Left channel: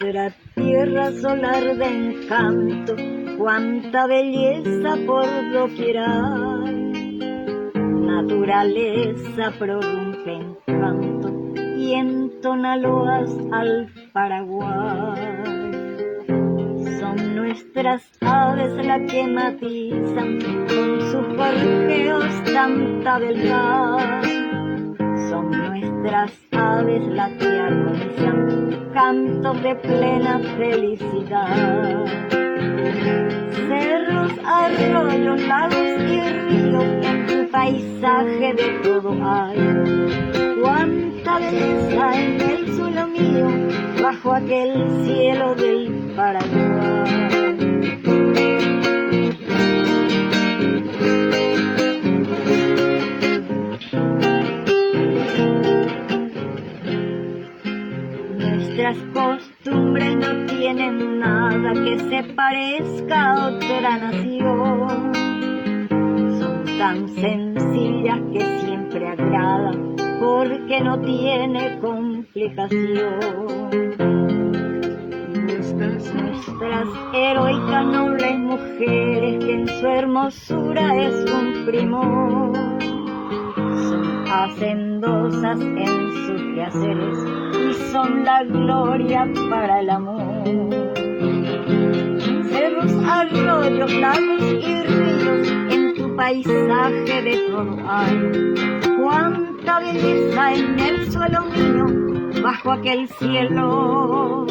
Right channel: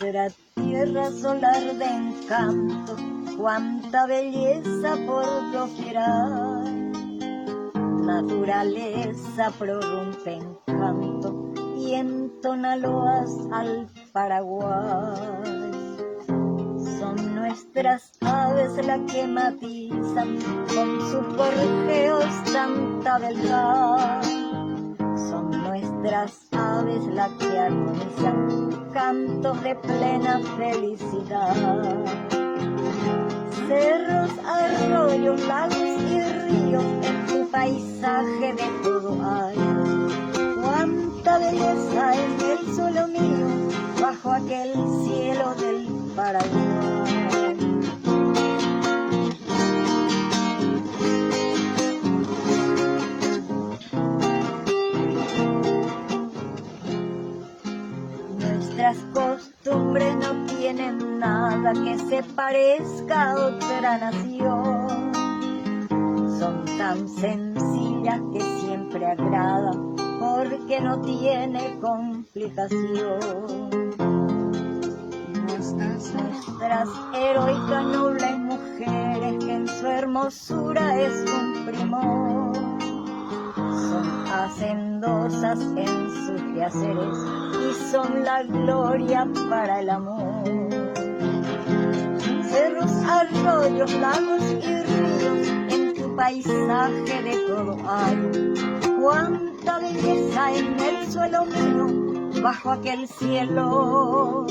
Nuestra tierra solar de encanto, cuánta belleza por doquier hay. Naturaleza prorrumpe en canto y entona loas al Paraguay. Son nuestras aves las que matizan con sus gorjeos tanta beldad. Son nuestras aves las que armonizan cantos de plena felicidad. Cerros, arroyos, lagos y ríos, en tu paisaje de todo hay. Cuánta belleza en el suelo mío, bajo aquel cielo del Paraguay. Nuestras costumbres no tienen nada que se parezca a otra nación. Son tan sencillas que siempre agradan, porque no tiene complicación. Nuestras heroicas nobles mujeres, que en su hermosura es un primor, son hacendosas en sus quehaceres y son la gloria para el amor. Cerros, arroyos, lagos y ríos, en tu paisaje de todo hay. Cuánta belleza en el suelo mío, bajo aquel cielo